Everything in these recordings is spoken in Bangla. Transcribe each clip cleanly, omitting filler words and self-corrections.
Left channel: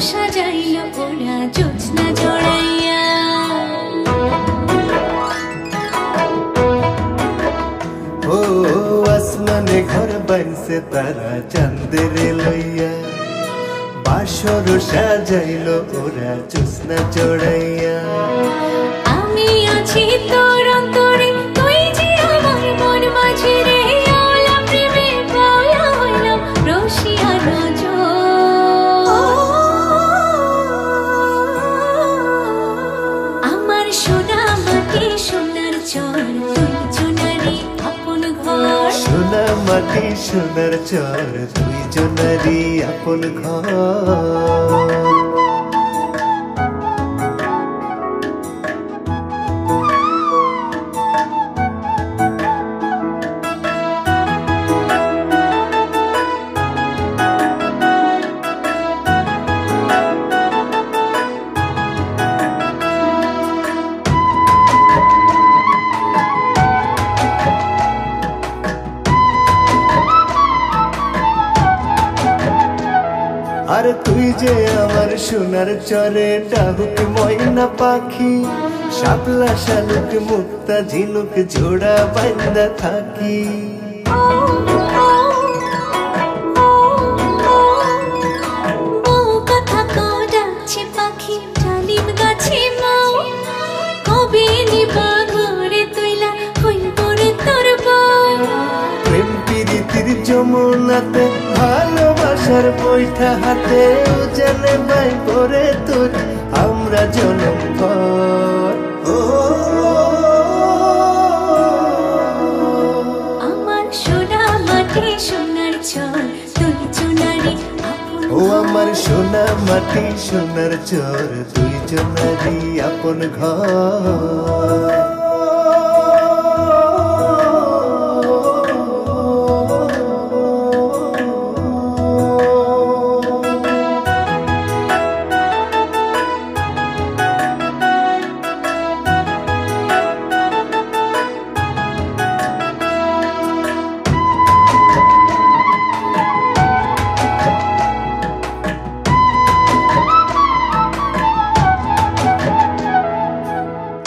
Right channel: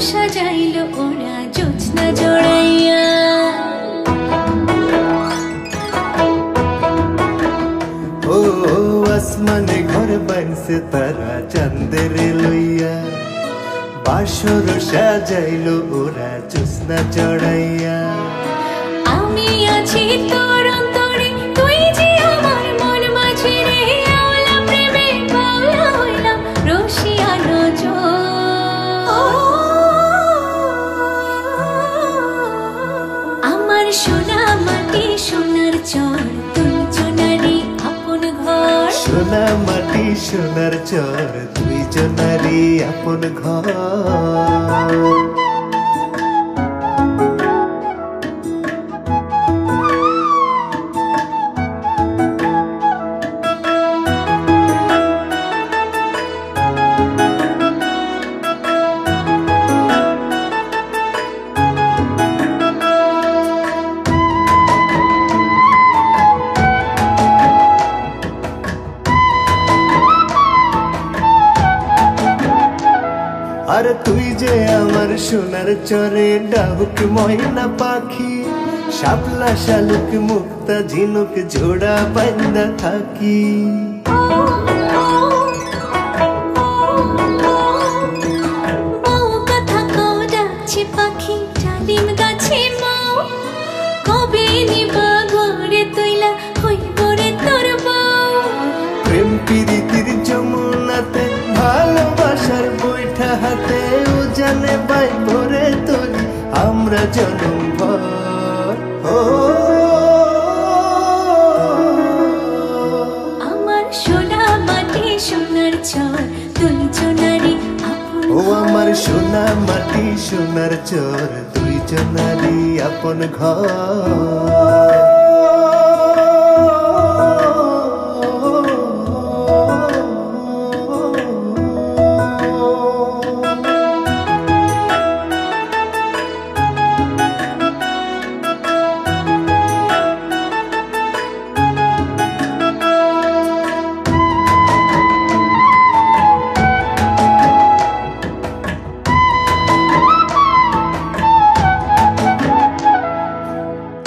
সাজাইলো ওরা জোছনা জড়াইয়া। ও আসমানে ঘর বানছে তারা চাঁদেরে লইয়া, বাসর সাজাইলো ওরা জোছনা জড়াইয়া। আমি আছি তোর অন্তরে, তুই যে আমার মন মাঝে রে। আওলা প্রেমে বাউলা হইলাম রসিয়া নজর। আমার সোনা মাটি সোনার চর, তুই জনারি আপন ঘর। সোনা মাটি সোনার চর, দুই জনারি আপন ঘর। আর তুই যে আমার সোনার চরে ডাহুক ময়না পাখি, শাপলা শালুক মুক্তা ঝিনুক জোড়া বান্দা থাকি। বউ কথা কও ডাকছে পাখি ডালিম গাছে মাও, কবে নিবা ঘরে তুইলা হইব রে তোর বউ। প্রেম প্রীতির যমুনাতে ভালোবাসার বৈঠা হাতে, উজানে বাই ভরে তোরি আমরা জনম ভর। ও আমার সোনা মাটি সোনার চর, তুই জনারি আপন ও আমার সোনা মাটি সোনার চর, দুই জনারি আপন ঘর।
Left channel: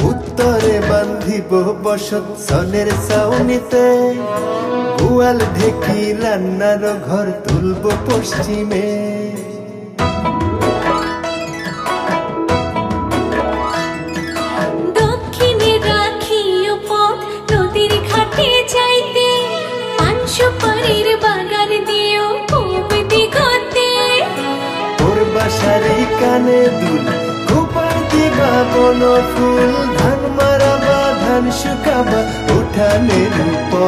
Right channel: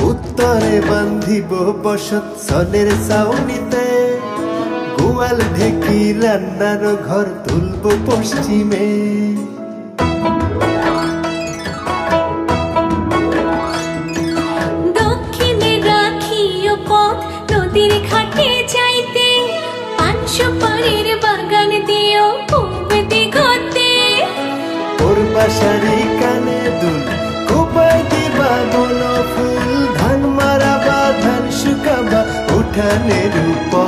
উত্তরে বান্ধিব বসত সনের ছাউনিতে, গোয়াল ঢেকি রান্নার ঘর তুলব পশ্চিমে। দক্ষিণে রাখিও পথ নদীর ঘাটে যাইতে, পান সুপারির বাগান দিও পূব দিগতে। তোর বাসারি কানে দুল কোপাই দিবা বন ফুল, ধান মারাবা ধান শুকাবা উঠানের উপর।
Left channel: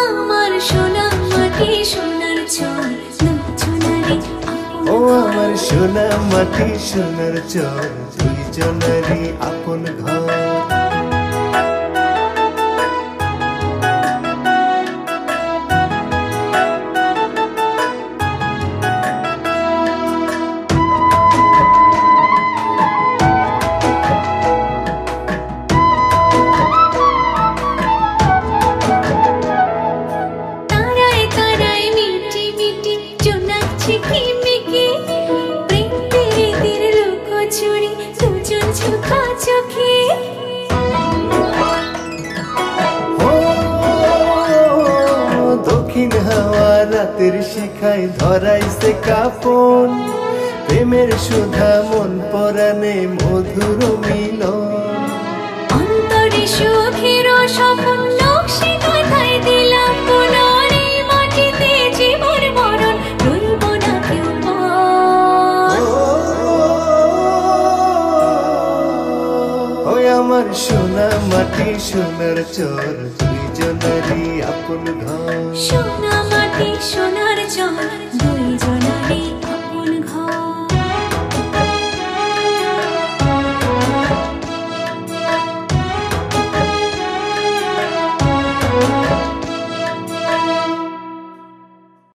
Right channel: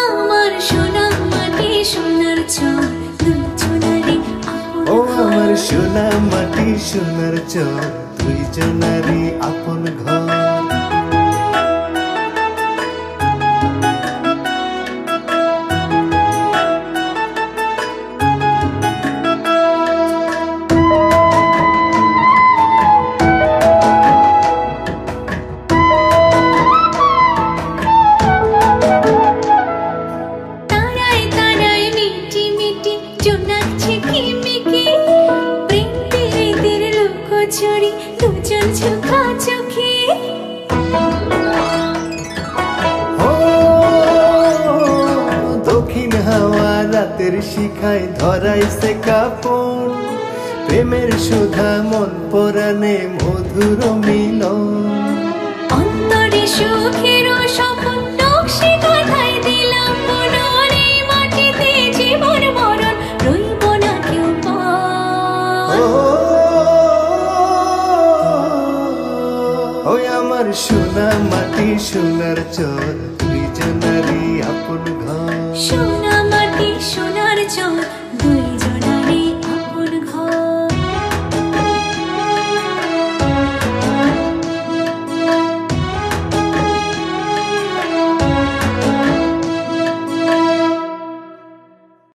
আমার সোনা মাটি সোনার চর, দুই জনারি আপন ও ঘর। আমার সোনা মাটি সোনার চর, দুই জনারি আপন ঘর। তারায় তারায় মিটি মিটি জোনাকছে কিমিকি, প্রেম প্রীতির লুকোচুরি দুজন ঝোঁকা চোখে। ও দক্ষিণ হাওয়া রাতের শিখায় ধরাইছে কাপন, প্রেমের সুধা মন পরাণে মধুর মিলন। অন্তরে সুখের স্বপন নকশে কথায় দিলাম পুনর, এই মাটিতে জীবন মরণ রইব না কেউ পর। ওই আমার সোনা মাটি সোনার চর, দুই জনারি আপন ঘর। সোনা মাটি সোনার চর, দুই